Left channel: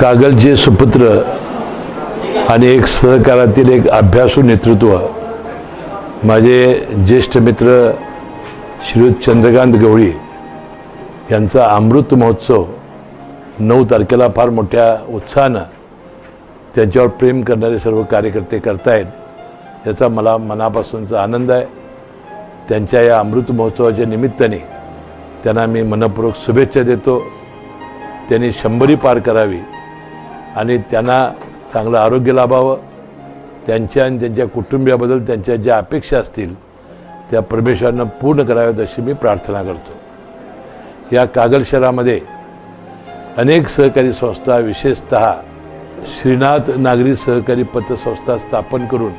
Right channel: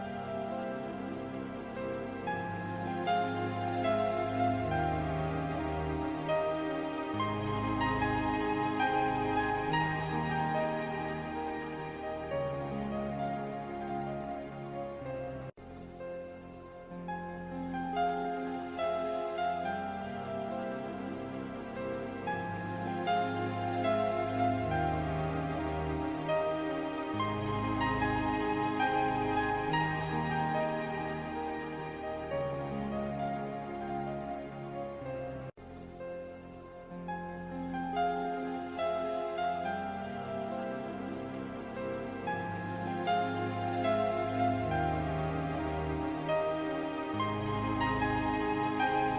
कागलचे सुपुत्र आणि एक सहकारातील एक अभ्यासू नेतृत्व माझे ज्येष्ठ मित्र श्रीयुत चंद्रकांत गवळी यांचा अमृत महोत्सव 9 तारखेला फार मोठ्या उत्साहानं त्यांच्यावर प्रेम करणारे सर्व कार्यकर्ते करतायत याचा मला मनापासूनचा आनंद आहे। त्यांच्या या अमृत महोत्सवाच्या निमित्ताने त्यांना मी मनपूर्वक शुभेच्छा देतो। त्यांनी 100 पार करावी आणि त्यांना चांगलं आरोग्य लाभावं। त्यांच्या आणि त्यांच्या कुटुंबियाबद्दल त्यांच्या ज्या अपेक्षा असतील त्या परमेश्वरानं पूर्ण कराव्यात अशी मी प्रार्थना करतो। या कागल शहरामध्ये अनेक सहकारी संस्था विशेषतः श्रीनाथ नागरी सहकारी पतसंस्था स्थापन करून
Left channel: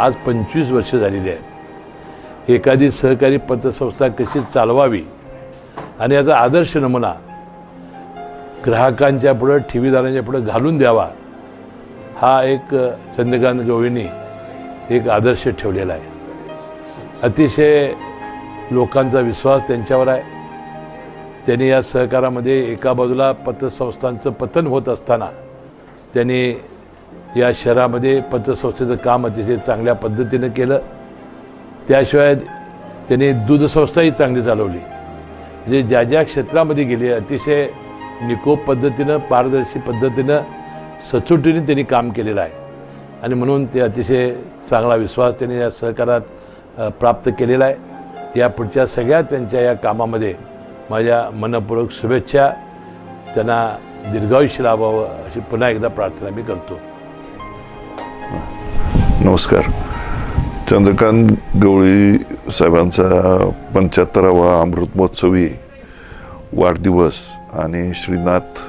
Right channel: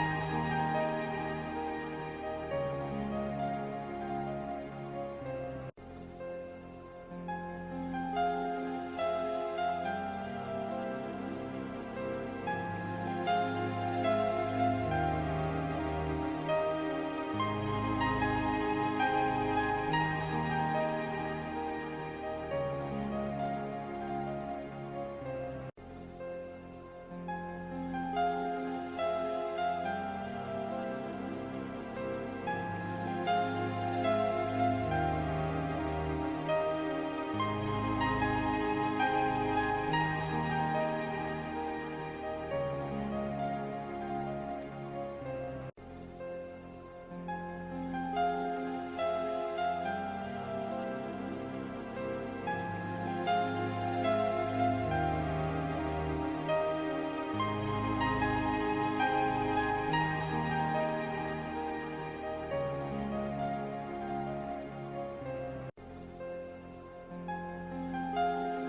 आज 25 वर्ष झालेली आहेत। एखादी सहकारी पतसंस्था कशी चालवावी आणि याचा आदर्श नमुना ग्राहकांच्या पुढे ठेवीदारांच्या पुढे घालून द्यावा हा एक चंद्रकांत गवळींनी एक आदर्श ठेवलेला आहे। अतिशय लोकांचा विश्वास त्यांच्यावर आहे। त्यांनी या सहकारामध्ये एका बाजूला पतसंस्थांचं पतन होत असताना त्यांनी या शहरामध्ये पतसंस्थेचं काम अतिशय चांगल्या पद्धतीनं केलं। त्याशिवाय त्यांनी दूध संस्थाही चांगली चालवली। म्हणजे ज्या ज्या क्षेत्रामध्ये गेले अतिशय निकोप पद्धतीनं पारदर्शी पद्धतीनं सचोटीने त्यांनी काम केलेलं आहे आणि म्हणून ते अतिशय चांगला विश्वास त्यांनी या सहकारात प्राप्त केलेला आहे। या पुढच्या सगळ्या त्यांच्या या कामामध्ये माझ्या मनपूर्वक शुभेच्छा। त्यांना दीर्घायुष्य लाभावं अशी पुन्हा एकदा प्रार्थना मी करतो। नमस्कार। चंद्रकांत गवळी साहेबांचा 75वा अमृत महोत्सवी वाढदिवस आणि श्रीनाथ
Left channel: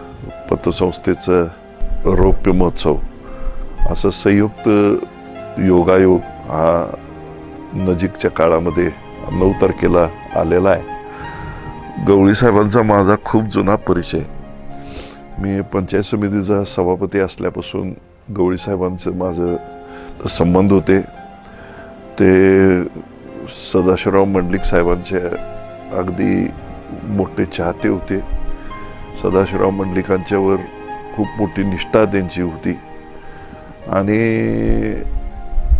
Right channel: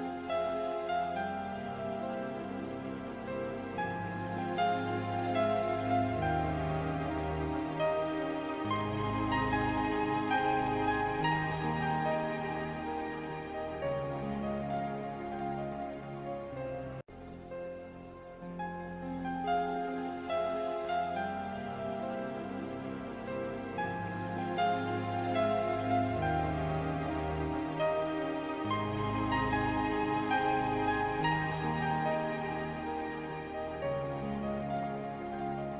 पतसंस्थेचं रौप्य महोत्सव असं संयुक्त योगायोग हा नजीकच्या काळामध्ये 9 तारखेला आलेला आहे। गवळी साहेबांचा माझा खूप जुना परिचय। मी पंचायत समितीचा सभापती असल्यापासून गवळी साहेबांचं माझं संबंध होते। ते सदाशिवराव मंडलिक साहेबांचे अगदी मोठे चाहते होते। सदाशिवराव मंडलिकांच्यावर खूप मोठी निष्ठा त्यांची होती आणि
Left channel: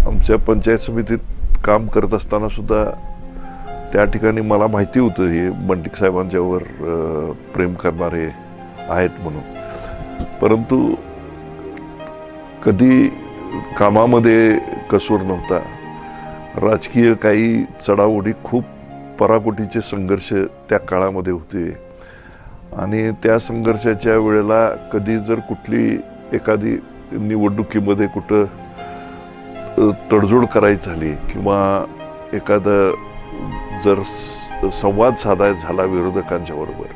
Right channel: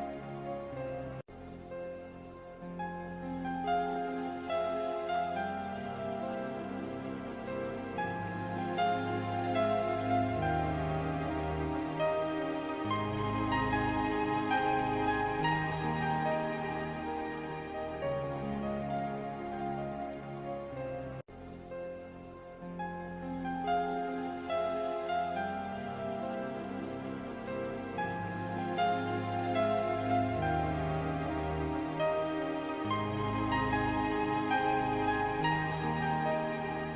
आमच्या पंचायत समितीत काम करत असताना सुद्धा त्या ठिकाणी मला माहिती होतं हे मंडलिक साहेबांच्यावर प्रेम करणारे आहेत म्हणून, परंतु कधी कामामध्ये कसूर नव्हता। राजकीय काही चढाओढी खूप पराकोटीचे संघर्ष त्या काळामध्ये होते आणि त्या संघर्षाच्या वेळेला कधी जर कुठली एखादी निवडणुकीमध्ये कुठं तडजोड करायची झाली किंवा एखादा जर संवाद साधायचा झाला विरोधकांच्या बरोबर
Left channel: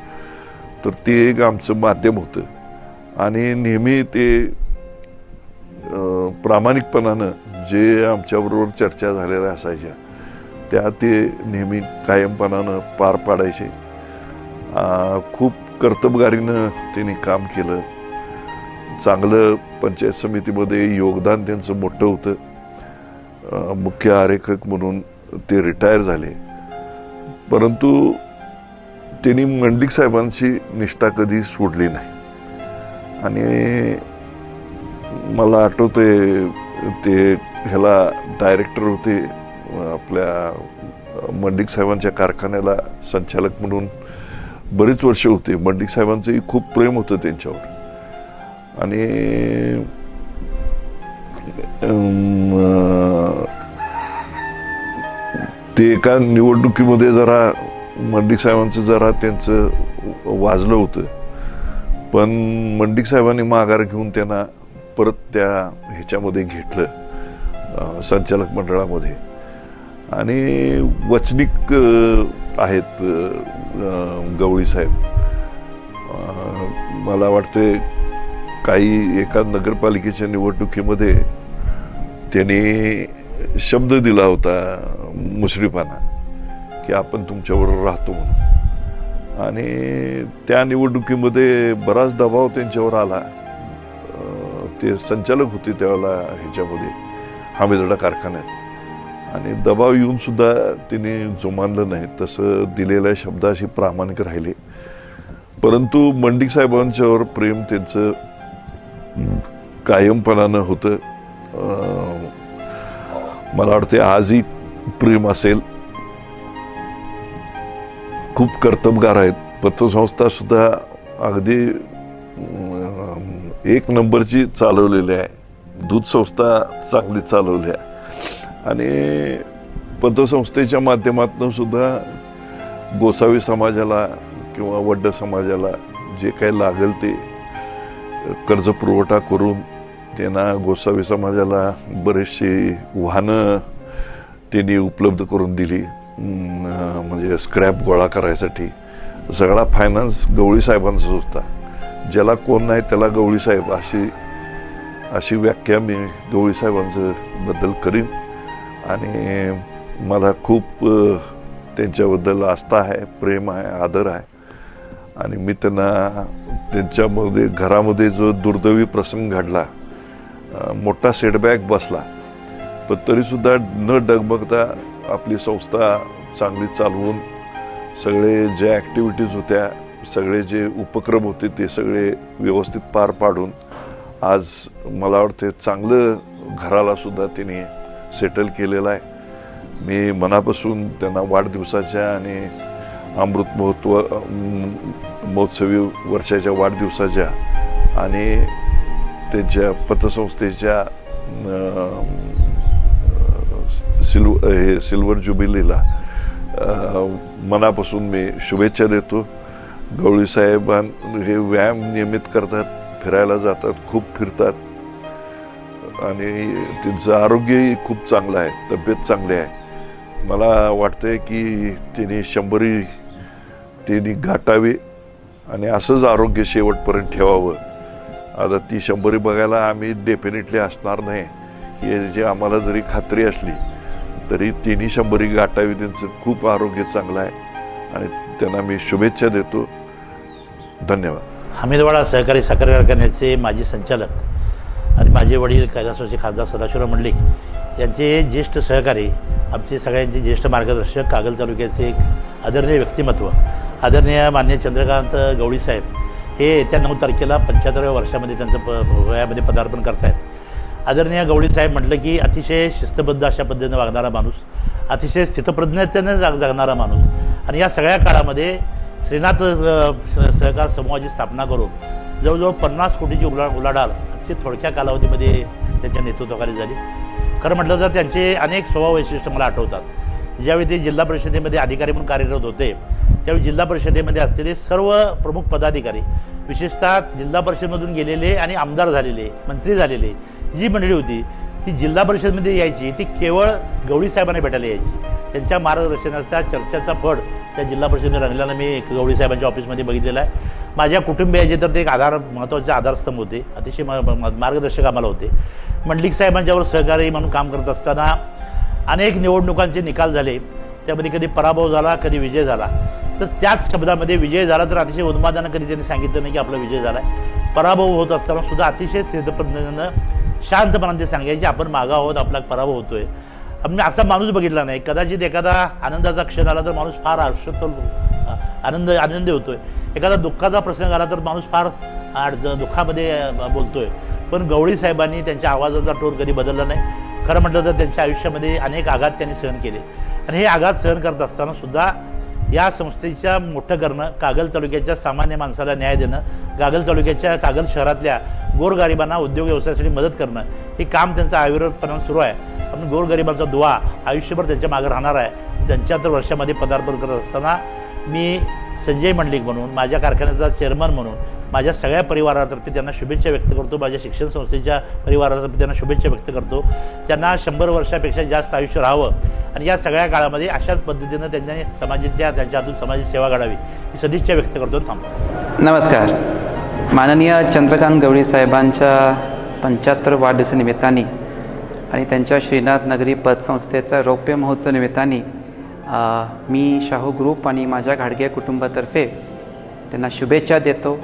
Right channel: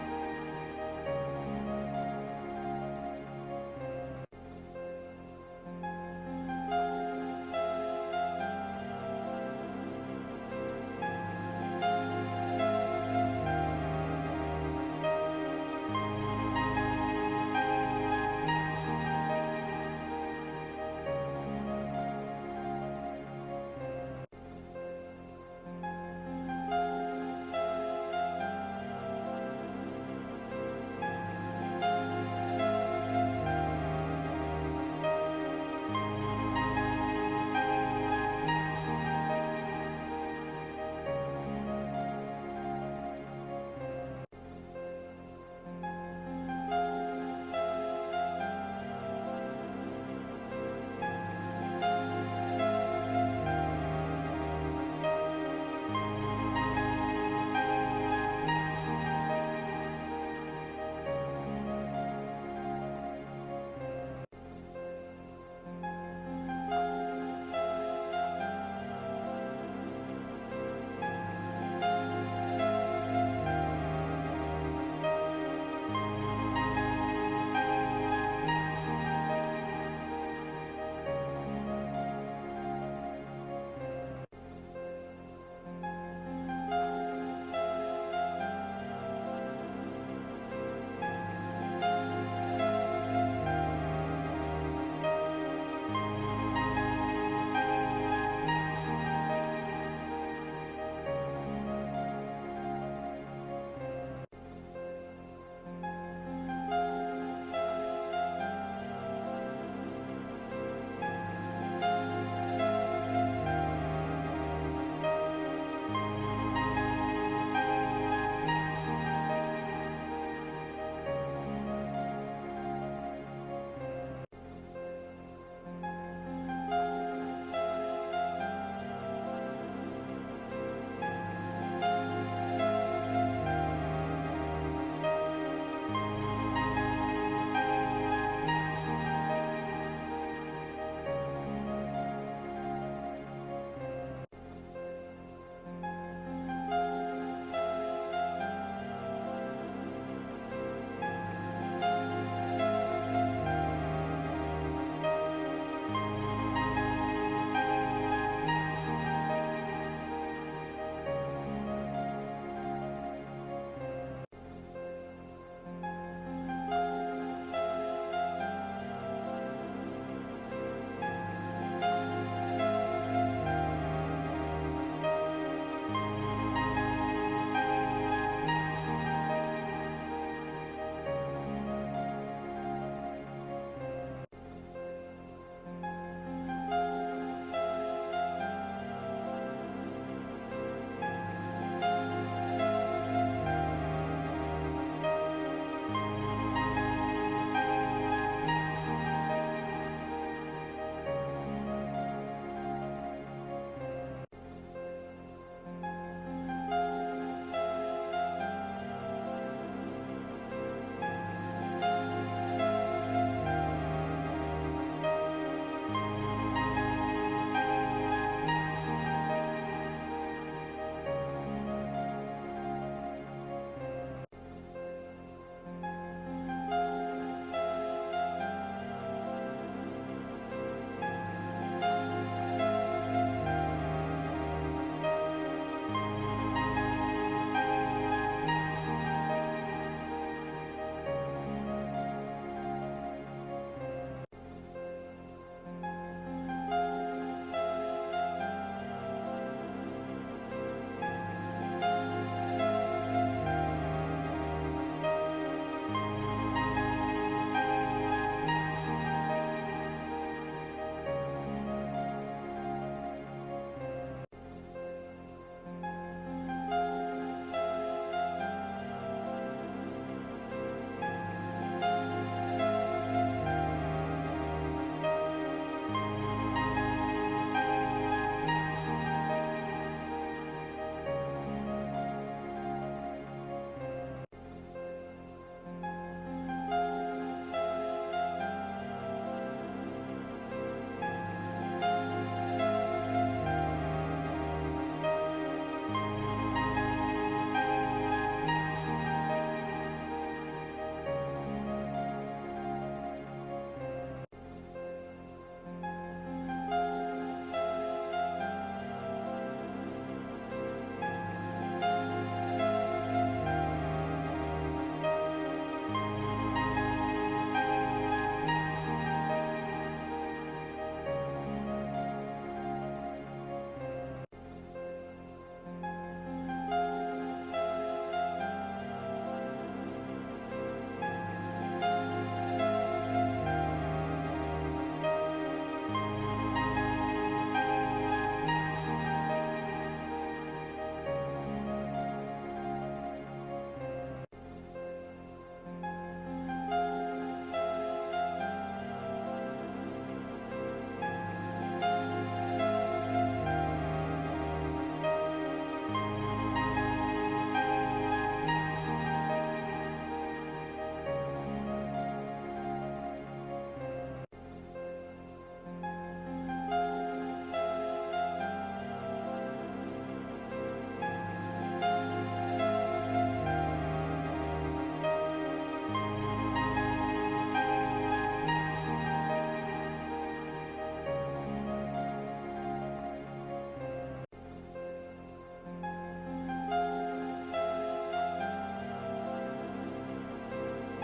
तर ते एक आमचं माध्यम होतं आणि नेहमी ते प्रामाणिकपणानं जे आमच्याबरोबर चर्चा झालेल्या असायच्या त्या ते नेहमी कायमपणानं पार पाडायचे। खूप कर्तबगारीनं त्यांनी काम केलं। चांगलं पंचायत समितीमध्ये योगदान त्यांचं मोठं होतं। मुख्य आरेखक म्हणून ते रिटायर झाले, परंतु त्यांनी मंडलिक साहेबांची निष्ठा कधी सोडली नाही आणि मला आठवतंय ते ह्याला डायरेक्टर होते आपल्या मंडलिक साहेबांच्या कारखान्याला संचालक म्हणून बरीच वर्ष होते। मंडलिक साहेबांचंही खूप प्रेम होतं त्यांच्यावर आणि ते एका निवडणुकीमध्ये जरा मंडलिक साहेबांचं जरा त्यांचं वाजलं होतं, पण मंडलिक साहेबांनी माघार घेऊन त्यांना परत त्या ह्याच्यामध्ये घेतलं संचालक मंडळामध्ये आणि वचनिक आहेत गवळी साहेब। मला वाटते काही एका नगरपालिकेच्या निवडणुकीमध्ये त्यांनी शब्द दिला होता मुश्रीफांना की आपण तुमच्याबरोबर राहतो आणि त्या निवडणुकीमध्ये बराच दबाव त्यांच्यावर आला। ते संचालक होते त्यावेळेला ह्याच्यामध्ये हमीदवाडा कारखान्यात आणि दबाव येऊन सुद्धा तिने जुमानलं नाही। तसं दिलेल्या शब्दाशी प्रामाणिक राहिले, परंतु मंडलिक साहेबांच्यावर प्रेम त्यांचं कायमपणानं होतं. मला वाटते आजही प्रेम असेल. खूप कर्तबगार आहेत. पतसंस्था सुद्धा अगदी एक नंबरची चालवलेली आहे. दूध संस्था चांगली चालवली आहे आणि पतसंस्थेच्या माध्यमातून सुद्धा गोसावी समाजाला किंवा वड्ड समाजाला जे काही लागेल ते कर्ज पुरवठा करून त्यांना गोसावी समाजाला बरेचसे वाहनं त्यांनी उपलब्ध करून दिली. म्हणजे स्क्रॅप गोळा करायसाठी सगळा फायनान्स गवळी साहेबांचाच होता. ज्याला कोण नाही त्याला गवळी साहेब अशी व्याख्या मी गवळी साहेबांचं बद्दल करीन आणि मला खूप त्यांच्याबद्दल आस्था आहे, प्रेम आहे, आदर आहे आणि मी त्यांना त्यांच्यामध्ये घरामध्ये जो दुर्दैवी प्रसंग घडला, मोठा सेटबॅक बसला, पण तरीसुद्धा न डगमगता आपली संस्था चांगली चालवून सगळे जे ॲक्टिव्हिटीज होत्या, सगळे जे उपक्रम होते ते सगळे व्यवस्थित पार पाडून आज मला वाटते चांगलं घराला सुद्धा त्यांनी सेटल केलेलं आहे. मी मनापासून त्यांना वाढदिवसाच्या आणि अमृत महोत्सवी वर्षाच्या वाढदिवसाच्या आणि त्यांच्या पतसंस्थेच्या सिल्वर ज्युबिलीला मनापासून मी शुभेच्छा देतो. गवळी साहेब हे व्यायाम नियमित करतात, फिरायला जातात, खूप फिरतात आणि त्यांचं आरोग्यही खूप चांगलं आहे, तब्येत चांगली आहे. मला वाटतंय की त्यांनी 100 त्यांनी गाठावी आणि असंच आरोग्य शेवटपर्यंत ठेवावं. आता ती 100 बघायला आम्ही डेफिनेटली असणार नाही हे जे आम्हाला जरी खात्री असली तरी तिन्ही 100 गाठावी. त्यांचं खूप आरोग्य चांगलं आहे आणि त्यांना मी शुभेच्छा देतो. धन्यवाद. हमीदवाडा सहकारी साखर कारखान्याचे माजी संचालक आणि माझे वडील कैलासवासी खासदार सदाशिवराव मंडलिक यांचे ज्येष्ठ सहकारी, आमचे सगळ्यांचे ज्येष्ठ मार्गदर्शक, कागल तालुक्याचे एक आदरणीय व्यक्तिमत्व, आदरणीय मान्य चंद्रकांत गवळी साहेब हे येत्या 9 तारखेला 75व्या वर्षामध्ये त्यांचं वयामध्ये पदार्पण करतायत. आदरणीय गवळी साहेब म्हटलं की अतिशय शिस्तबद्ध अशा पद्धतीनं वागणारा माणूस, अतिशय स्थितप्रज्ञतेने जगणारा माणूस आणि या सगळ्या काळामध्ये श्रीनाथ सहकार समूहाची स्थापना करून जवळजवळ 50 कोटीची उलाढाल अतिशय थोडक्या कालावधीमध्ये त्यांच्या नेतृत्वाखाली झाली. खरं म्हटलं तर त्यांचे अनेक स्वभाव वैशिष्ट्य मला आठवतात. ज्यावेळी ते जिल्हा परिषदेमध्ये अधिकारी म्हणून कार्यरत होते त्यावेळी जिल्हा परिषदेमध्ये असलेले सर्व प्रमुख पदाधिकारी, विशेषतः जिल्हा परिषदेमधून गेलेले आणि आमदार झालेले, मंत्री झालेले जी मंडळी होती ती जिल्हा परिषदेमध्ये यायची, ती केवळ गवळी साहेबांना भेटायला यायची. त्यांच्या मार्गदर्शनाचा चर्चाचा फड त्या जिल्हा परिषदेने रंगल्यानं मी गवळी साहेबांच्या ऑफिसमध्ये बघितलेला आहे. माझ्या कुटुंबियाचे तर ते एक महत्त्वाचे आधारस्तंभ होते, अतिशय मार्गदर्शक आम्हाला होते. मंडलिक साहेबांच्यावर सहकारी म्हणून काम करत असताना अनेक निवडणुकांचे निकाल झाले, त्यामध्ये कधी पराभव झाला, कधी विजय झाला. तर त्याच शब्दामध्ये विजय झाला तर अतिशय उन्मादानं कधी त्यांनी सांगितलं नाही की आपला विजय झाला. पराभव होत असताना सुद्धा अतिशय स्थिरपद्धतीनं शांतपणाने ते सांगायचे आपण मागा आहोत, आपला पराभव होतोय. आम्ही असा माणूस बघितला नाही. कदाचित एखादा आनंदाचा क्षण आला तर माणूस फार आनंदी होतोय, एखादा दुःखाचा प्रसंग आला तर माणूस फार दुःखामध्ये बोलतोय. पण गवळी साहेबांनी त्यांच्या आवाजाचा टोन कधी बदलला नाही. खरं म्हटलं तर त्यांच्या आयुष्यामध्ये अनेक आघात त्यांनी सहन केले आणि हे आघात सहन करत असताना सुद्धा या संस्थेच्या मोठं करणं, कागल तालुक्याच्या सामान्य माणसाला न्याय देणं, कागल शहरातल्या गोरगरिबांना उद्योग व्यवसायासाठी मदत करणं हे काम त्यांचं अविरतपणे सुरू आहे. पण गोरगरिबांचा दुवा आयुष्यभर त्यांच्या मागे राहणार आहे. 75 वर्षामध्ये पदार्पण करत असताना मी संजय मंडलिक म्हणून, माझ्या कारखान्याचा चेअरमन म्हणून माझ्या सगळ्या परिवारातर्फे त्यांना शुभेच्छा व्यक्त करतो. माझ्या शिक्षण संस्थेच्या परिवारातर्फे त्यांना शुभेच्छा व्यक्त करतो. त्यांना 100 वर्षापेक्षा जास्त आयुष्य राहावं आणि या सगळ्या काळामध्ये अशाच पद्धतीनं त्यांनी त्यांच्या हातून समाजाची सेवा घडावी ही सदिच्छा व्यक्त करतो. थांबतो. नमस्कार. माननीय चंद्रकांत गवळी साहेबांच्या 75 वाढदिवसानिमित्ताने आणि त्यांच्या श्रीनाथ नगरी पतसंस्थेचा रौप्य महोत्सव निमित्ताने मी शाहू ग्रुप आणि माझ्या घाडगे कुटुंबातर्फे त्यांना शुभेच्छा देतो.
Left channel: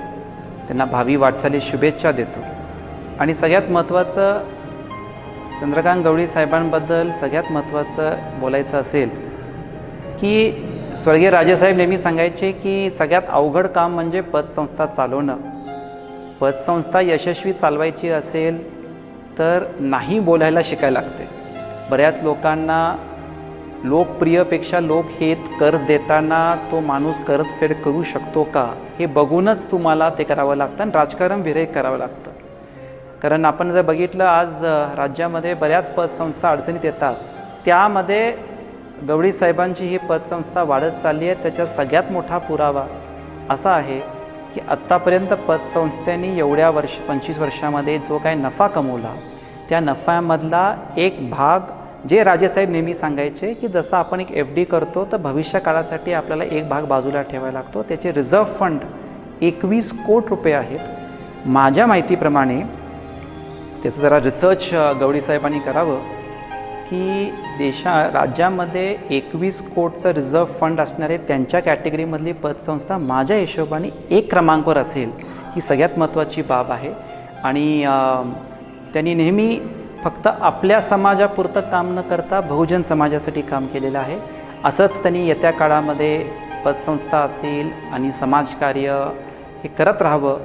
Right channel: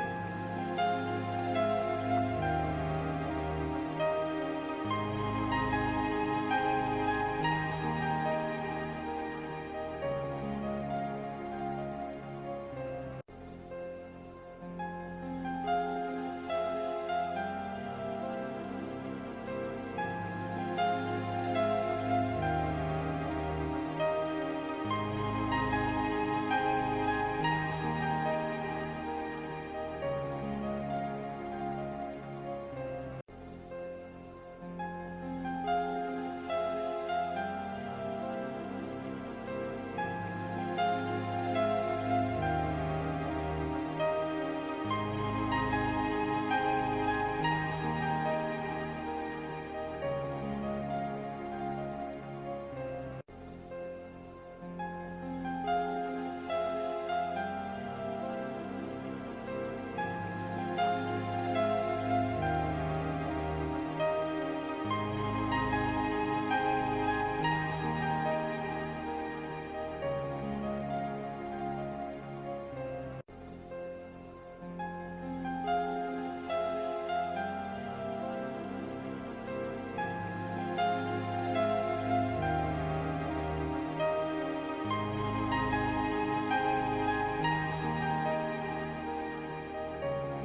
त्यांना भावी वाटचालीस शुभेच्छा देतो. आणि सगळ्यात महत्त्वाचं चंद्रकांत गवळी साहेबांबद्दल सगळ्यात महत्त्वाचं बोलायचं असेल की स्वर्गीय राजेसाहेब नेहमी सांगायचे की सगळ्यात अवघड काम म्हणजे पतसंस्था चालवणं, पतसंस्था यशस्वी चालवायची असेल तर नाही बोलायला शिकायला लागते. बऱ्याच लोकांना लोकप्रियपेक्षा लोकहित कर्ज देताना तो माणूस कर्जफेड करू शकतो का हे बघूनच तुम्हाला ते करावं लागतं आणि राजकारण विरहित करावं लागतं. कारण आपण जर बघितलं आज राज्यामध्ये बऱ्याच पतसंस्था अडचणीत येतात, त्यामध्ये गवळी साहेबांची ही पतसंस्था वाढत चालली आहे. त्याचा सगळ्यात मोठा पुरावा असा आहे की आत्तापर्यंत पतसंस्थेने एवढ्या 25 वर्षामध्ये जो काही नफा कमवला त्या नफ्यामधला एक भाग जे राजेसाहेब नेहमी सांगायचे की जसं आपण एक FD करतो तर भविष्य काळासाठी आपल्याला एक भाग बाजूला ठेवायला लागतो, त्याचे रिझर्व्ह फंड 21 कोटी रुपये आहेत. माझ्या माहितीप्रमाणे त्याचं जरा रिसर्च गवळी साहेबांनी करावं की राज्यामध्ये 21 कोटीचं रिझर्व्ह फंड असणारे त्यांच्या कॅटेगरीमधली पतसंस्था माझ्या हिशोबाने 1 क्रमांकावर असेल. ही सगळ्यात महत्त्वाची बाब आहे. आणि त्यांनी नेहमी फक्त आपल्या समाजापुरतं काम न करता बहुजन समाजासाठी काम केलेलं आहे. असंच त्यांनी येत्या काळामध्ये पतसंस्था असतील आणि समाजकार्य हे करत राहावं.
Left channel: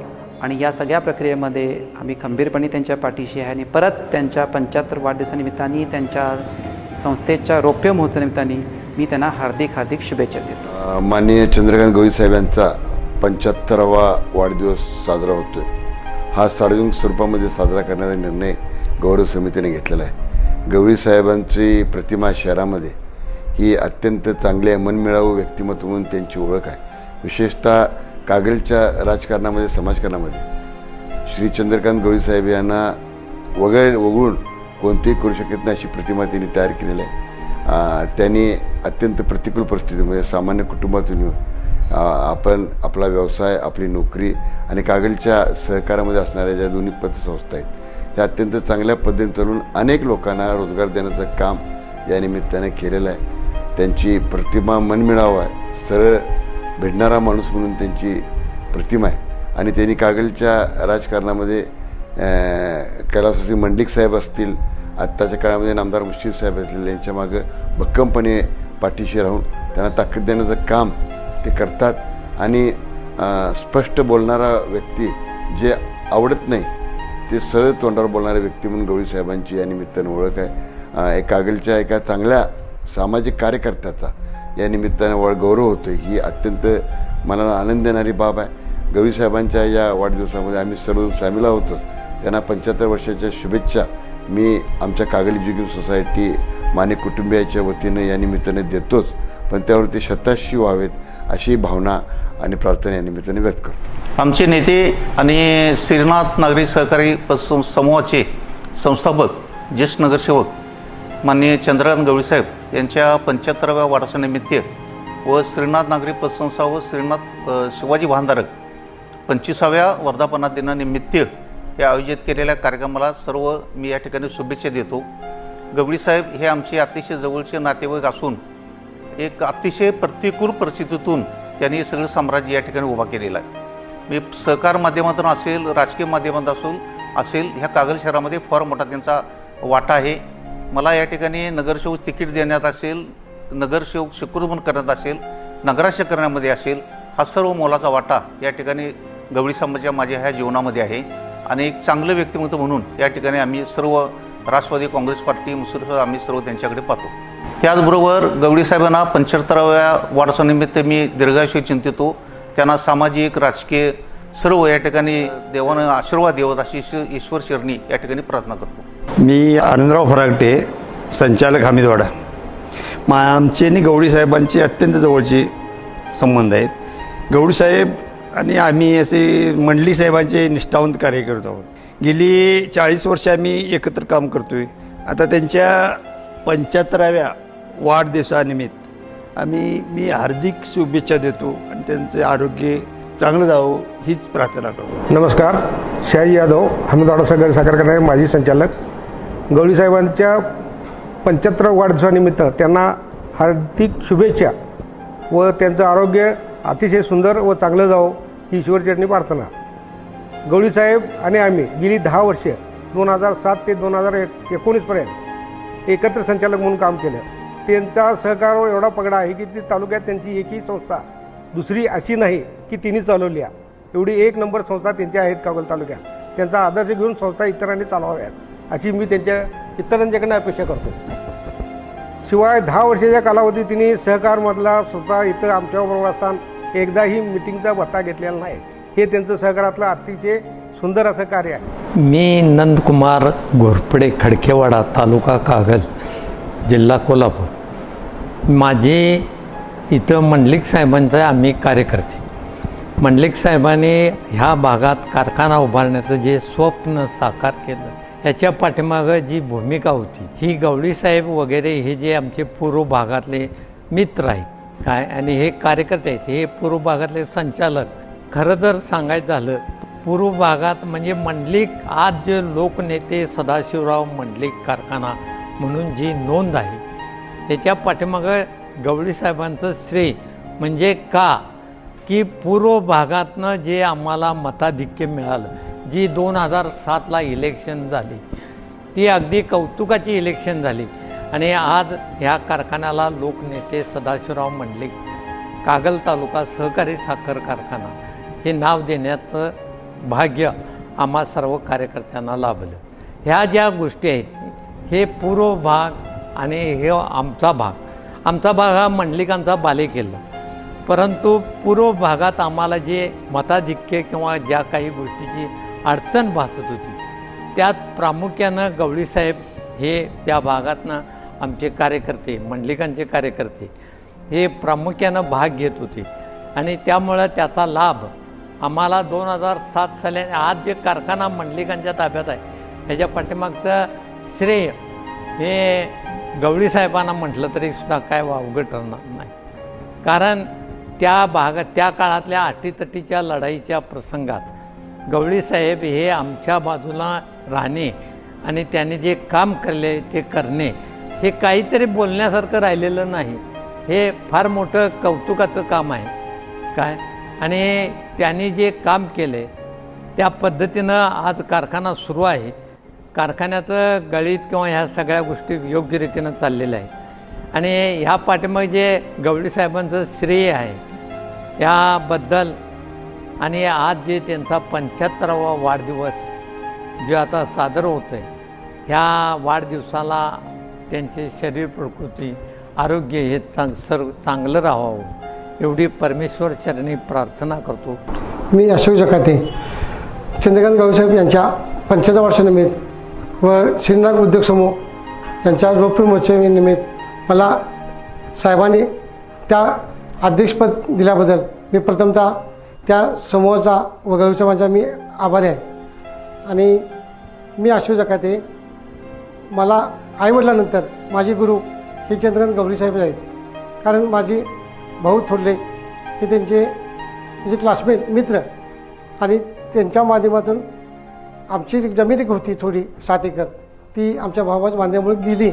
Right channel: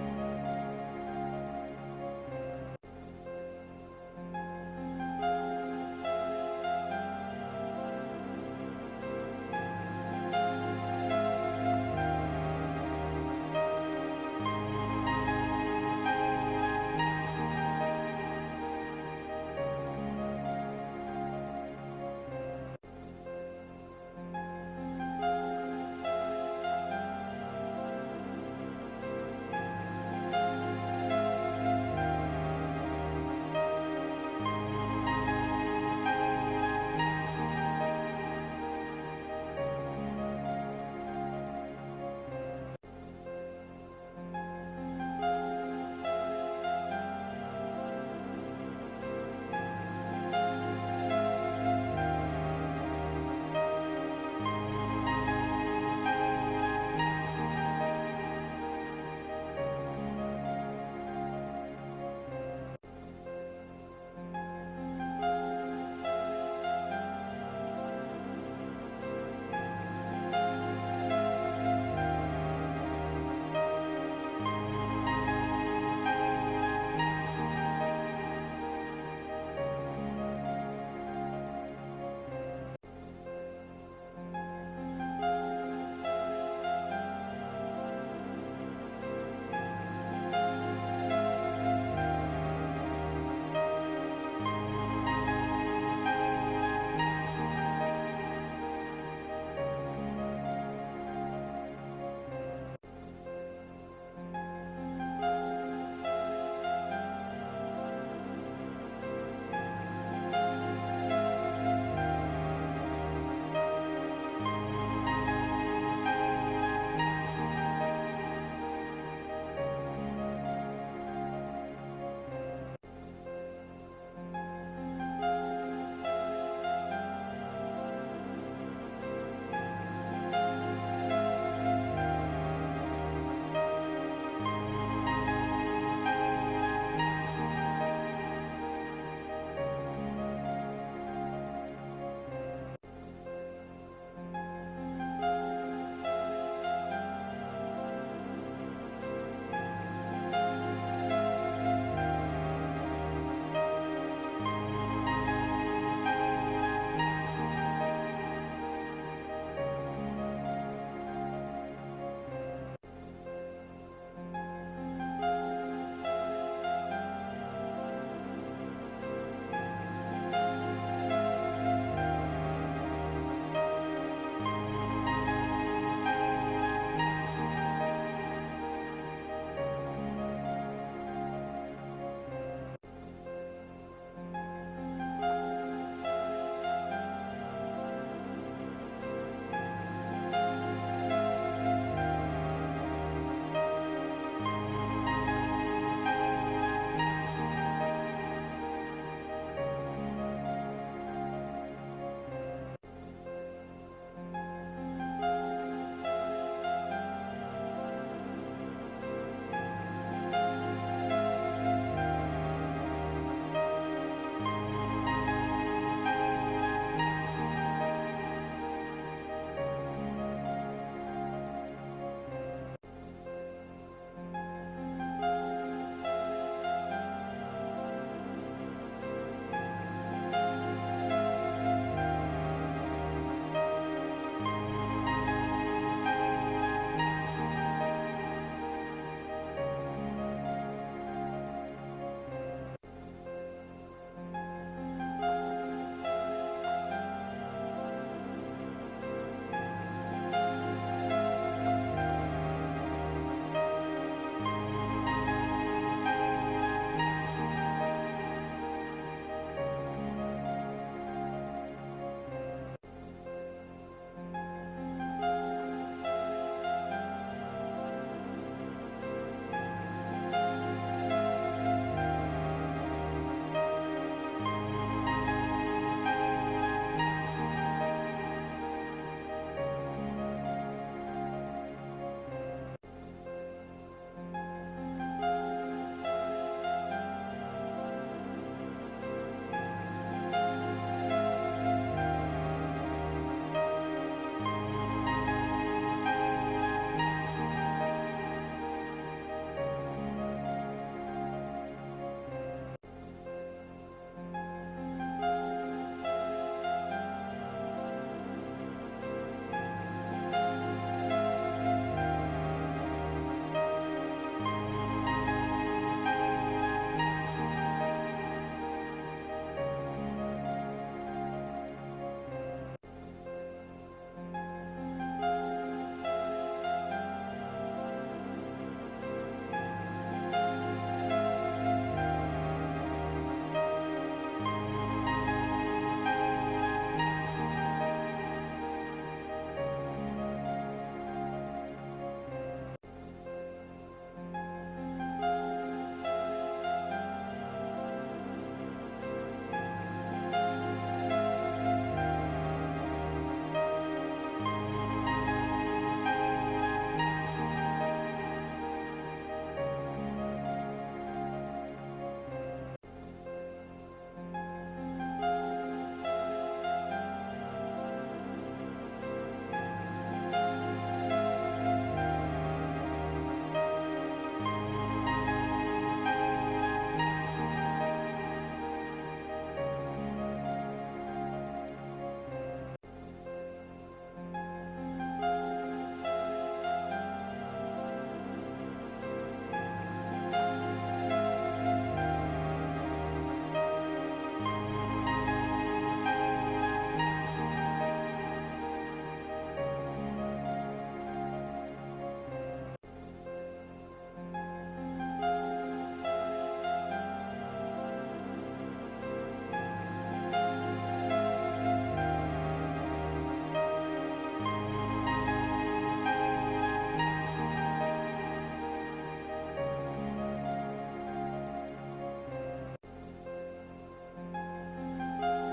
आणि या सगळ्या प्रक्रियेमध्ये आम्ही खंबीरपणे त्यांच्या पाठीशी आहे. आणि परत त्यांच्या 75 वाढदिवसानिमित्ताने त्यांच्या संस्थेच्या रौप्य महोत्सवानिमित्ताने मी त्यांना हार्दिक शुभेच्छा देतो. माननीय चंद्रकांत गवळी साहेबांचा 75वा वाढदिवस साजरा होतो. हा सार्वजनिक स्वरूपामध्ये साजरा करण्याचा निर्णय गौरव समितीने घेतलेला आहे. गवळी साहेबांची प्रतिमा शहरामध्ये ही अत्यंत चांगली आहे. मनमिळावू व्यक्तिमत्व म्हणून त्यांची ओळख आहे. विशेषतः कागलच्या राजकारणामध्ये समाजकारणामध्ये श्री चंद्रकांत गवळी साहेब यांना वगळून कोणतेही करू शकत नाही अशी प्रतिमा त्यांनी तयार केलेली आहे. त्यांनी अत्यंत प्रतिकूल परिस्थितीमध्ये सामान्य कुटुंबातून येऊन आपण आपला व्यवसाय, आपली नोकरी आणि कागलच्या सहकारामध्ये असणाऱ्या ज्या दोन्ही पतसंस्था आहेत त्या अत्यंत चांगल्या पद्धतीने चालून अनेक लोकांना रोजगार देण्याचं काम या निमित्ताने केलेलं आहे. त्यांची प्रतिमा मनमिळावा आहे, सरळ भेटणारा माणूस म्हणून त्यांची प्रतिमा आहे. आणि त्यांनी कागलच्या राजकारणामध्ये कैलासवासी मंडलिक साहेब असतील, आत्ताच्या काळामध्ये नामदार मुश्रीफ साहेब असतील, यांच्या मागं भक्कमपणे पाठीशी राहून त्यांना ताकद देण्याचं काम ते करतात. आणि स्पष्ट बोलणारा व्यक्ती, जे आवडत नाही ते सरळ तोंडावर बोलणारे व्यक्ती म्हणून गवळी साहेबांची या निमित्तानं ओळख आहे. कागलच्या एका चांगल्या सामाजिक कार्यकर्त्याचा या निमित्तानं गौरव होतो. ही अत्यंत मनाला आनंद देणारी बाब आहे. गवळी साहेबांच्या या वाढदिवसामध्ये आम्ही सर्व सामील होतो. त्यांना 75 वर्षाच्या शुभेच्छा मी आमच्या कागल एज्युकेशन सोसायटी माने कुटुंबियाच्या वतीनं या निमित्ताने देतोच, पण त्यावरती शताशी व्हावेत अशी भावना आणि प्रार्थना या निमित्ताने व्यक्त करतो. आमचे नेते आणि श्रीनाथ नागरी सहकारी समूहाचे संस्थापक, ज्येष्ठ नगरसेवक माननीय चंद्रकांत गवळी साहेब यांच्या 75व्या वाढदिवसानिमित्त व श्रीनाथ नागरी पतसंस्था व श्रीनाथ शिवाजी वाहनधारक 25व्या वर्धापना दिनानिमित्त या आयोजित केलेल्या कार्यक्रमाला सर्व मी या ठिकाणी शुभेच्छा देतो. गवळी साहेब हे आमचे अतिशय जवळचे नातेवाईक असून एक अतिशय प्रतिकूल परिस्थितीतून त्यांनी सगळं साम्राज्य या ठिकाणी उभा केलेलं आहे. मी सहकार माध्यमातून असेल, राजकीय माध्यमातून असेल, ह्या कागल शहरामध्ये फार मोठा त्यांचा वाटा आहे. मला या ठिकाणी नगरसेवक तिकीट देण्यात असेल, नगरसेवक शिकुरमन करण्यात असेल, नगराध्यक्ष करण्यामध्ये असेल, हा सर्व मोलाचा वाटा या ठिकाणी गवळी समाजाच्या माझ्या ह्या जीवनामध्ये आहे. आणि एक चांगलं व्यक्तिमत्व म्हणून या ठिकाणी आम्ही सर्व राष्ट्रवादी काँग्रेस पार्टी, मुसलिम आम्ही सर्व त्यांच्याकडे पाहतो. त्याचबरोबर गवळी साहेबांना 75व्या वाढदिवसानिमित्त मी दीर्घायुष्य चिंतितो. त्यांना सामाजिक, राजकीय सर्व या ठिकाणी देवानं आशीर्वाद देवत अशी ईश्वर चरणी या ठिकाणी प्रार्थना करतो. मी आनंदराव फरागटे, संचालक हमीदवाडा. आमचे आणि गवळी साहेबांचे अत्यंत जवळचे संबंध आहेत. गवळी साहेब आणि आम्ही असे मंडलिक साहेबांचे निष्ठावंत कार्य करत आहोत. गेली 40 वर्ष आम्ही एकत्र काम करतो आहे. आता त्यांच्या 75व्या वाढदिवसानिमित्त मी हार्दिक शुभेच्छा देतो आणि त्यांचे आरोग्य चांगलं जावं हीच प्रार्थना करतो. नमस्कार, शाही यादव, हमीदवाडा सहकारी साखर कारखान्याचे माजी संचालक. गवळी साहेबांच्या 75व्या वाढदिवसानिमित्त त्यांना हार्दिक शुभेच्छा व त्यांचं आरोग्य अतिशय सुंदर व चांगलं जावं ही ईश्वरचरणी प्रार्थना. गवळी साहेब आणि आम्ही गेली 10 वर्षे 2007 ते 2019पर्यंत एकत्र संचालक म्हणून काम केलं. त्यांचा सहकार एवढा पगडा आहे की ती तालुक्यात त्यांची एकही संस्था दुसरी अशी नाही की तिने चालवली आहे. एवढी एक नंबर संस्था त्यांच्या आहेत कागल तालुक्यात. त्यांचा आदर्श घेऊन संस्था इतरांनी चालवाव्यात अशी मी इतरांच्याकडनं अपेक्षा करतो. शिवाय 10 वर्षाच्या कालावधीत तिने सहकारमधला स्वतः इथं आमच्याबरोबर असताना एकदाही मिटिंगचा भत्ता घेतलेला नाही. हे त्यांचं सहकारातलं अतिशय सुंदर असं कार्य आहे. मी नंदकुमार घोरपडे, खडकेवाडा, तालुका कागल, जिल्हा कोल्हापूर. माझे इथं मंडलिक साहेबांचं आम्ही कार्यकर्ते. मंडलिक साहेबांनी ह्या भागात कारखाना उभारण्याचं जे स्वप्न साकार केलं, त्याच्या पाठीमागं जी भूमिका होती, ही गवळी साहेब वगैरे हे जे आमचे पूर्व भागातले मित्र आहेत काय आणि हे कार्यकर्ते आहेत, हे पूर्व भागातले संचालक. खरं जर सांगायचं झालं, पूर्व भागात म्हणजे मंडलिक आज जे लोकनेते सदाशिवराव मंडलिक कारखाना म्हणून जी नोंद आहे, त्याच्या पाठीमागं गवळी साहेबांचं श्रेय. म्हणजे का की पूर्व भागातनं जे आम्हाला मताधिक्य मिळालं, जी 2007ला इलेक्शन झाली, ती अगदी कौतुकाची इलेक्शन झाली. आणि आज ह्या कारखान्याला लोकनेते सदाशिवराव मंडलिक कागल तालुका सहकारी साखर कारखाना हे नाव देण्याचं भाग्य आम्हा सर्व कार्यकर्त्यांना लाभलं. ह्या ज्या गोष्टी आहेत, हे पूर्व भाग आणि हे आमचा भाग हा मंडलिकांचा बालेकिल्ला. परंतु पूर्व भागात आम्हाला जे मताधिक्य किंवा ज्या काही गोष्टीची अडचण भासत होती, त्यात प्रामुख्यानं गवळीसाहेब हे त्या भागातनं आमचे कार्यकर्ते, मंडलिकांचे कार्यकर्ते हे प्रामुख्यानं भाग घेत होते. आणि त्यामुळं त्याचा लाभ आम्हाला 2007 साली आज जे कारखाना मंडलिकांच्या ताब्यात आहे, त्याच्या पाठीमागचं श्रेय हे गवळी साहेबांना म्हटलं तरी सुद्धा काय अवघड ठरणार नाही. कारण त्या काळातल्या अटीतटीच्या लढाईच्या प्रसंगात गवळी साहेब हे आमच्या बाजूला राहणे आणि त्यांनी जे काम केले ते करणे हे काहीतरी बोलण्यासारखं राहिलेलं नाही. हे फार मोठं कौतुकाचं काम आहे काय. आणि त्यांनी जे काम केले त्या पद्धतीनं आज कारखाना सुरू आहे. कारखान्याचं गळीत किंवा ह्या सगळ्या गोष्टी योग्य रीतीनं चाललेल्या आहे. आणि ह्या पाठीमागे जे गवळी साहेबांचं श्रेय आहे याबद्दल आणि आज जे त्यांचा 75वा वाढदिवस जे आता सादर होतो आहे, ह्या वाढदिवसाला त्यांचे शरीर प्रकृती आरोग्य हे चांगलं राहावं एवढी परमेश्वर चरणी प्रार्थना करतो. मी अशोक जकाते, चंद्रकांत गवळीसाहेब यांच्या 75 वर्षानिमित्त व श्रीनाथ उद्योग समूह यांच्या रौप्य महोत्सवानिमित्त मला साहेबांनी त्या अध्यक्षपद दिल्याबद्दल मी प्रथमतः त्या समूहाचा व गवळीसाहेबांचा मी आभारी आहे. आणि मी अशोक जकाते, मला आईवडिलांनंतर माझे गुरु हे चंद्रकांत गवळीसाहेब आहेत. कारण माझे भाऊ थोरले हे त्यांचे म्हणजे क्लासमेट मित्र आणि त्यांच्या माध्यमातून आमची जमीन एक होती थोडी 7 एकर, ती आमच्या भावाच्या बांधण्यामुळे गेली.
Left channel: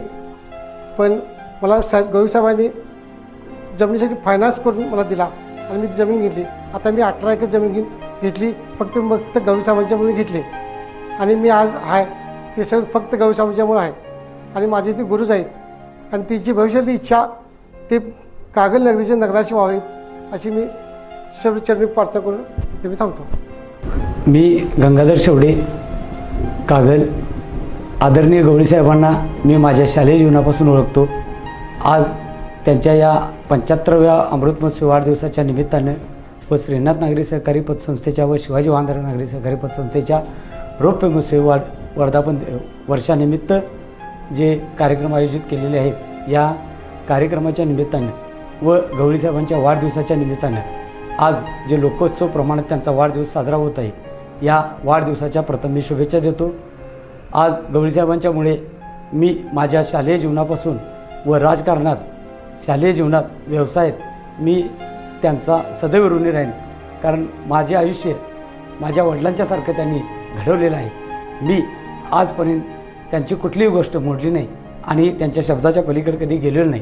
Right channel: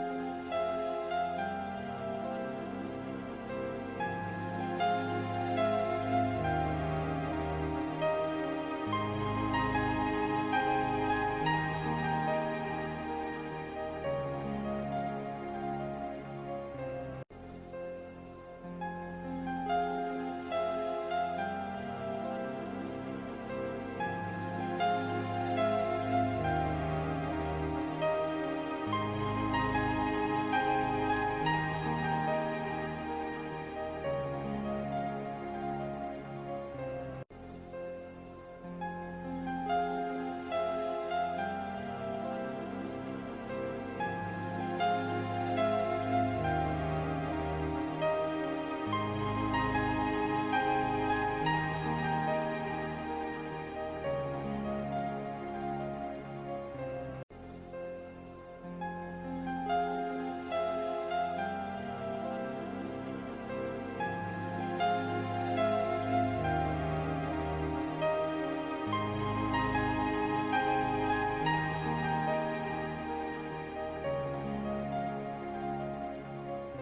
पण मला गवळीसाहेबांनी जमिनीसाठी फायनान्स करून मला दिला आणि मी जमीन घेतली. आता मी 18 एकर जमीन घेतली, फक्त गवळीसाहेबांच्यामुळे घेतली. आणि मी आज आहे ते सगळं फक्त गवळीसाहेबांच्यामुळे आहे. आणि माझे ते गुरुच आहेत आणि तिची भविष्यातली इच्छा ते कागल नगरीचे नगराशी व्हावेत अशी मी सर्व चरणी प्रार्थना करून ते मी थांबतो. मी गंगाधर शेवडे, कागल. आदरणीय गवळी साहेबांना मी माझ्या शालेय जीवनापासून ओळखतो. आज त्यांच्या या 75व्या अमृत महोत्सव वाढदिवसाच्या निमित्तानं व श्रीनाथ नागरी सहकारी पतसंस्थेच्या व शिवाजी वाहनधारक नागरी सहकारी पतसंस्थेच्या रौप्य महोत्सव वर्धापन वर्षानिमित्त जे कार्यक्रम आयोजित केलेले आहेत, या कार्यक्रमाच्या निमित्तानं व गवळी साहेबांच्या वाढदिवसाच्या निमित्तानं आज जे लोकोत्सव प्रमाणात त्यांचा वाढदिवस साजरा होत आहे, या वाढदिवसाच्या प्रथम मी शुभेच्छा देतो. आज गवळी साहेबांच्यामुळे मी माझ्या शालेय जीवनापासून व राजकारणात, शालेय जीवनात, व्यवसायात मी त्यांचा सदैव ऋणी राहीन. कारण माझे आयुष्य माझ्या वडिलांच्यासारखं त्यांनी घडवलेलं आहे. मी आजपर्यंत त्यांची कुठलीही गोष्ट मोडली नाही आणि त्यांच्या शब्दाच्या पलीकडे कधी गेलेलो नाही.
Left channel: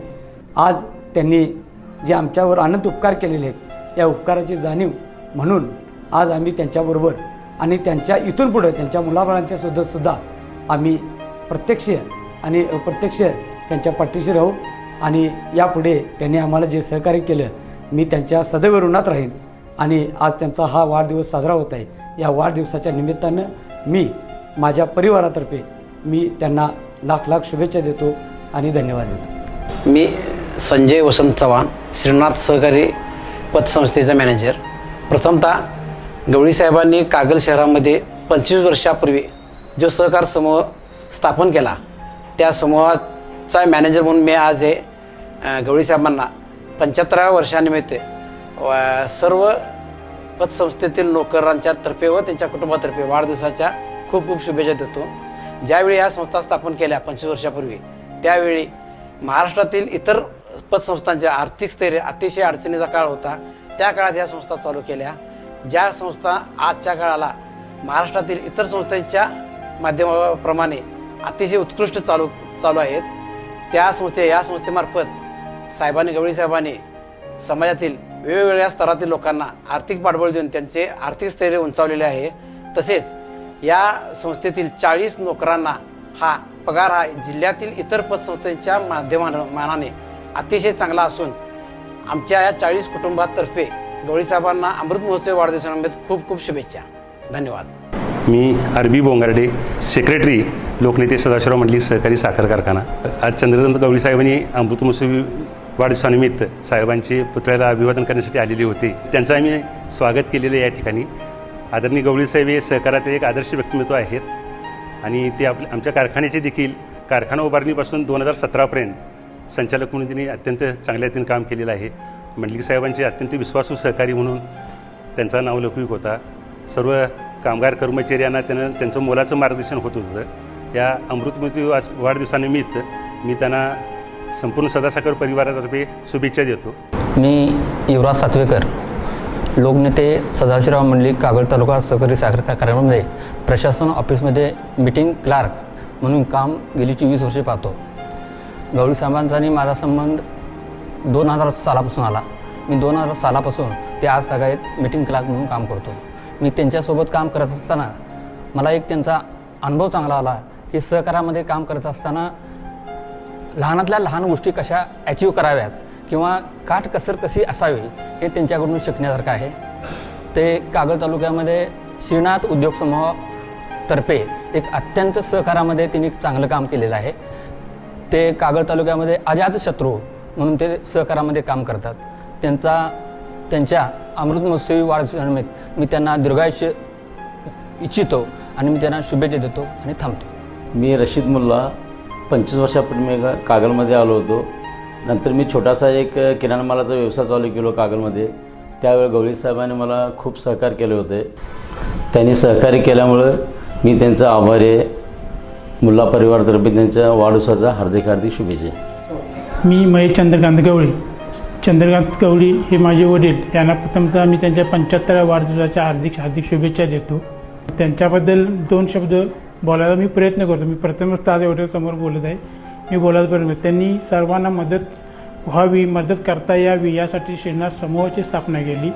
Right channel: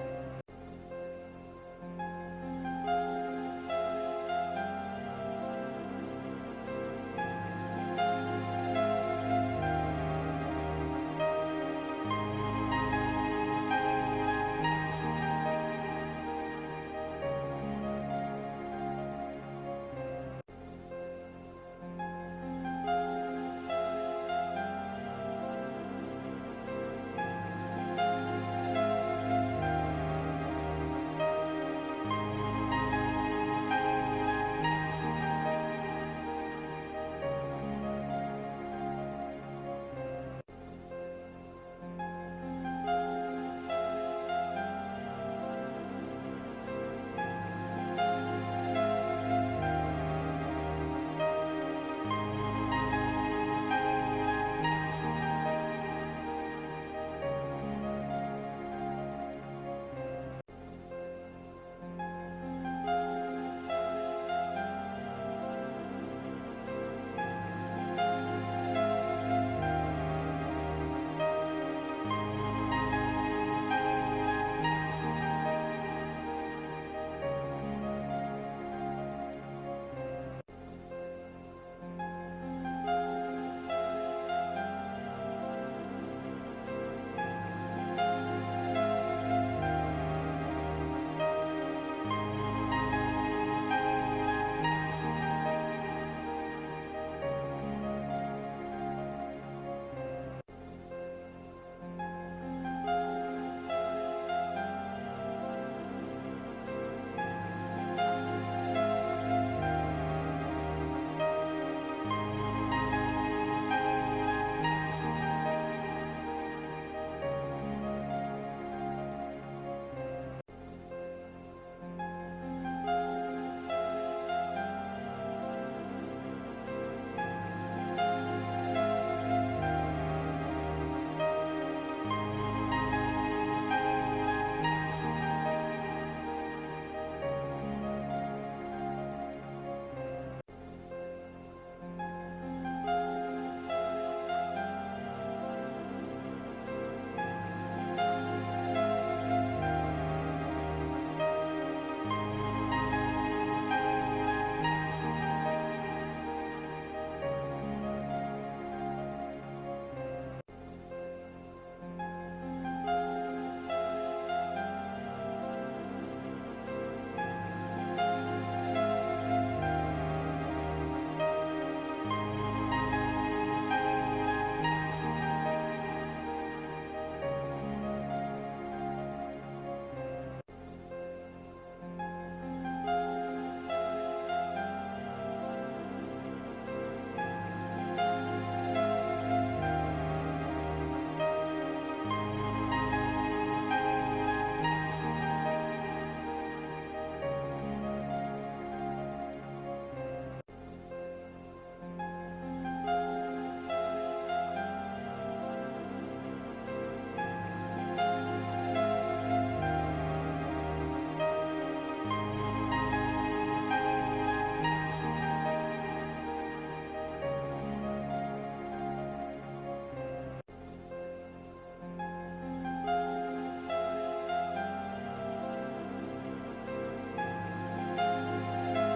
आज त्यांनी जे आमच्यावर अनंत उपकार केलेले आहेत, या उपकाराची जाणीव म्हणून आज आम्ही त्यांच्याबरोबर आणि त्यांच्या इथून पुढे त्यांच्या मुलाबाळांच्या सुद्धा आम्ही प्रत्यक्ष आणि अप्रत्यक्ष त्यांच्या पाठीशी राहू. आणि यापुढे त्यांनी आम्हाला जे सहकार्य केलं, मी त्यांच्या सदैव ऋणात राहीन आणि आज त्यांचा हा वाढदिवस साजरा होत आहे. या वाढदिवसाच्या निमित्तानं मी माझ्या परिवारातर्फे मी त्यांना लाख लाख शुभेच्छा देतो आणि धन्यवाद देतो. मी संजय वसंत चव्हाण, श्रीनाथ सहकारी पतसंस्थेचा मॅनेजर. प्रथमतः गवळी साहेबांनी कागल शहरामध्ये 25 वर्षापूर्वी जो सहकार समूह स्थापन केला, त्या समूहाचा मॅनेजर म्हणून मी आज हे गवळी साहेबांना 75व्या वर्षानिमित्त सर्व पतसंस्थेतील नोकरांच्या तर्फे व त्यांच्या कुटुंबातर्फे वाढदिवसाच्या खूप खूप शुभेच्छा देतो. ज्यावेळी या संस्था स्थापन केल्या 25 वर्षापूर्वी, त्यावेळी महाराष्ट्रातील इतर पतसंस्थांच्या आर्थिक स्थैर्य अतिशय अडचणीचा काळ होता. त्या काळात या संस्था चालू केल्या, ज्या संस्था आजच्या काळाला महाराष्ट्रातील इतर संस्थांच्या माध्यमाप्रमाणे अतिशय उत्कृष्ट चालू आहेत. या संस्थेमार्फत गवळी साहेबांनी समाजातील वेगवेगळ्या स्तरातील लोकांना आर्थिक पाठबळ देऊन त्यांचे आर्थिक स्थैर्य उंचावलेले आहे. तसेच या संस्थेतील 40 नोकरांना पगार हा जिल्ह्यातील इतर पतसंस्थांच्या मानाने अतिशय चांगला असून आमच्या या 40 कुटुंबातर्फे गवळी साहेबांना अमृत महोत्सव वाढदिवसानिमित्त खूप खूप शुभेच्छा. धन्यवाद. मी अरबी बोंगारडे, सेक्रेटरी लोकनेते सदाशिवराव मंडलिक सहकारी साखर कारखाना. आज चंद्रकांत गवळी साहेबांनी अमृत महोत्सवी वाढदिवसानिमित्त साहेबांचे पुतळ्याला अभिवादन करण्यासाठी आलेले होते. त्यांचं आम्ही स्वागत केलेलं या ठिकाणी. आदरणीय गवळी साहेब हे सहकारात एक आदर्श व्यक्तिमत्व आहेत आणि ते आमच्या कारखान्याचे देखील कारखाना उभारणीपासून 2017पर्यंत संचालक म्हणून त्यांनी अत्यंत चांगल्या रीतीने काम केलेलं आहे. मंडलिक साहेबांचे अत्यंत विश्वासू सहकारी म्हणून त्यांचा नावलौकिक होता. सर्व कामगार कर्मचारी यांना त्यांचं मोलाचं मार्गदर्शन होत होतं. या अमृत महोत्सवी वाढदिवसानिमित्त मी त्यांना संपूर्ण सदासाखर परिवारातर्फे शुभेच्छा देतो. मी युवराज सातवेकर, लोकनेते सदाशिवराव मंडलिक कागल तालुका सहकारी साखर कारखान्यामध्ये प्रशासन ऑफिसमध्ये मीटिंग क्लार्क म्हणून काम गेली 24 वर्षे पाहतो. गवळी साहेबांचा आणि माझा संबंध 2000 सालापासून आला. मी 2000 सालापासून ते आज सगळ्यात मीटिंग क्लार्क म्हणून काम करतो. मी त्यांच्यासोबत काम करत असताना मला एक त्यांचा अनुभव चांगला आला की सहकारामध्ये काम करत असताना लहानातल्या लहान गोष्टी कशा अचीव कराव्यात किंवा काटकसर कशी असावी हे त्यांच्याकडून शिकण्यासारखं आहे. ते कागल तालुक्यामध्ये श्रीनाथ उद्योग समूहातर्फे एक अत्यंत सहकारामध्ये त्यांनी चांगलं काम केलेलं आहे. ते कागल तालुक्यामध्ये अजातशत्रू म्हणून ते सहकारामध्ये काम करतात. त्यांच्या अमृत महोत्सवी वाढदिवसानिमित्त मी त्यांना दीर्घायुष्य इच्छितो आणि मी त्यांना शुभेच्छा देतो आणि थांबतो. मी रशीद मुल्ला 25 वर्षापूर्वी मी कागलमध्ये आलो होतो. नंतर मी छोटासा एक किराणा मालाचा व्यवसाय चालू केलो कागलमध्ये. त्यावेळी गवळी साहेबांनी मला खूप सहकार्य केले होते. त्यांनी सहकार्य केल्यामुळं मी त्यांचा आभारी आहे. मुल्ला परिवारातर्फे त्यांच्या वाढदिवसाचा हार्दिक हार्दिक शुभेच्छा. मी महेश चंद्रकांत गवळी हे माझे वडील. यांना प्रथमतः मी त्यांच्या 75व्या वाढदिवसाच्या हार्दिक शुभेच्छा देतो. त्यांच्याबद्दल 2 शब्द बोलायला मी प्रयत्न करतो. मी प्रथमच ताज एवढ्या समोर बोलत आहे. मी बोलायला प्रयत्न त्यांनी सर्वांना मदत व्हावी, मदत करता यावी यासाठी श्रीनाथ समूहाची स्थापना केली.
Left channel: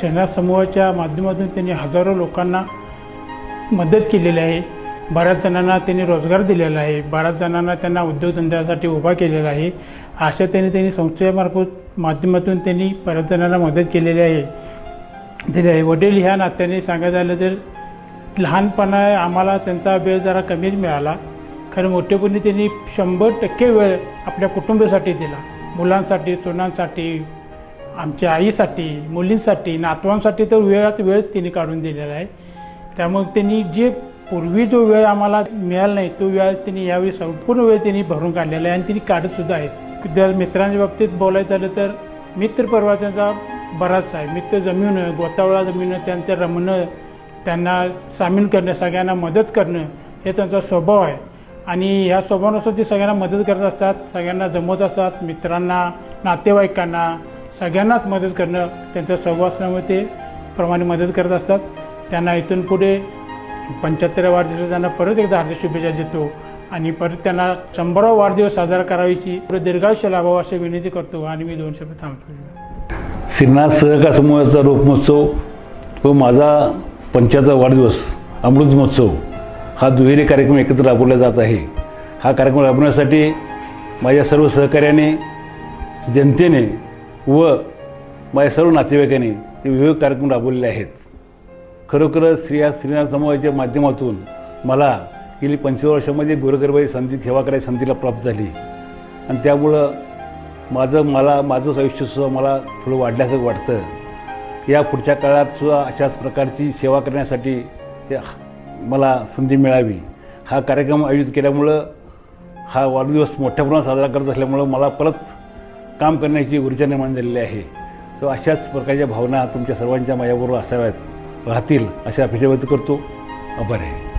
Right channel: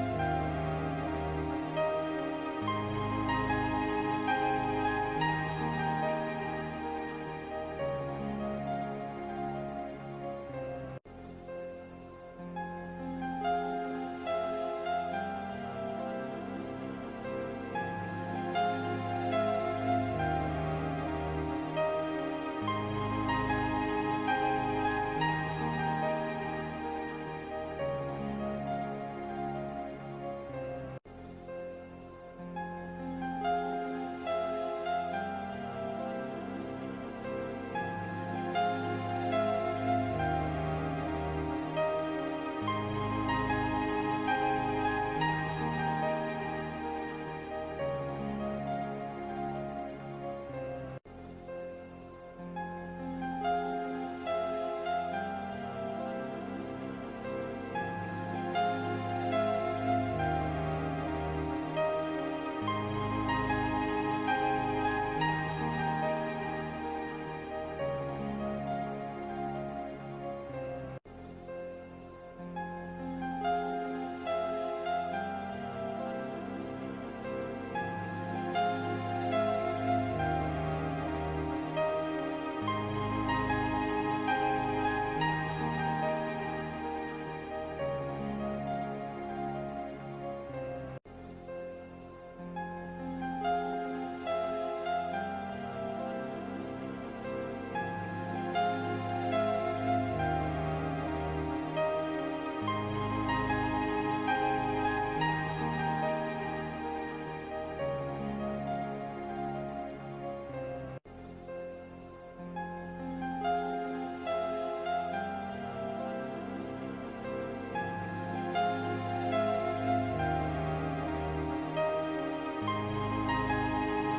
श्रीनाथ समूहाच्या माध्यमातून त्यांनी हजारो लोकांना मदत केलेली आहे. बऱ्याच जणांना त्यांनी रोजगार दिलेला आहे. बऱ्याच जणांना त्यांना उद्योगधंद्यासाठी उभा केलेला आहे. अशा त्यांनी संस्थेमार्फत माध्यमातून त्यांनी बऱ्याच जणांना मदत केलेली आहे. वडील ह्या नात्याने सांगायचं झालं तर लहानपणा आम्हाला त्यांचा वेळ जरा कमीच मिळाला. कारण मोठेपणी त्यांनी 100% वेळ आपल्या कुटुंबासाठी दिला. मुलांसाठी, सुनांसाठी, आमच्या आईसाठी, मुलींसाठी, नातवांसाठी तर वेळ त्यांनी काढून दिलेला आहे. त्यामुळे त्यांनी जे पूर्वी जो वेळ आम्हाला मिळाला नाही तो वेळ त्यांनी यावेळी संपूर्ण वेळ त्यांनी भरून काढलेला आहे आणि त्यांनी काढतसुद्धा आहेत. जर मित्रांच्या बाबतीत बोलायचं झालं तर मित्रपरिवार त्यांचा बराचसा आहे. मित्र जमवणं, गोतावळा जमवणं, त्यांचं रमणं, त्यांना सामील करणं, सगळ्यांना मदत करणं हे त्यांचा स्वभाव आहे. आणि ह्या स्वभावानुसार ते सगळ्यांना मदत करत असतात, सगळ्यांना जमवत असतात. मित्रांना, नातेवाईकांना, सगळ्यांनाच मदत करणं त्यांचा स्वभाव असल्यामुळे ते प्रमाणे मदत करत असतात. त्यांना इथून पुढे 75व्या वाढदिवसाच्या त्यांना परत एकदा हार्दिक शुभेच्छा देतो आणि परत त्यांना 100वा वाढदिवस साजरा करायची दीर्घायुष्य लाभावं अशी विनंती करतो आणि मी 2 शब्द थांबतो. श्रीनाथ सहकार समूहाचा रोप महोत्सव व माझा 75वा वाढदिवस अमृत महोत्सव हा दुहेरी कार्यक्रम एकत्र राबवला जात आहे. हा कार्यक्रम राबवण्यासाठी माझ्या सर्व सहकार्याने, जनतेने व माझ्या सर्व नातेवाईकांनी विविध कार्यक्रम राबवलेले आहेत. खरोखरच श्रीनाथ समूहाच्या माध्यमातून मला गेली 25 वर्षामध्ये गोरगरिबाई सेवा करायची संधीला प्राप्त झाली आणि त्यामुळं माझं आयुष्यसुद्धा मला थोडं वाढल्याचं वाटतं. या पुढच्या काळातसुद्धा अशाच प्रकारची सेवा करण्यासाठी मला संधी मिळावी. हा कार्यक्रम आयोजित केल्यामुळं हा वाढदिवस मोठ्या प्रमाणात साजरा करत असल्यामुळं मला परत काम करण्याची ऊर्जा निर्माण झालेली आहे. तो अशाच प्रकारच्या भावना तुमच्या सर्वांच्या माझ्याबरोबर असाव्यात राहतील अशी अपेक्षा व्यक्त करतो. आभार आहे.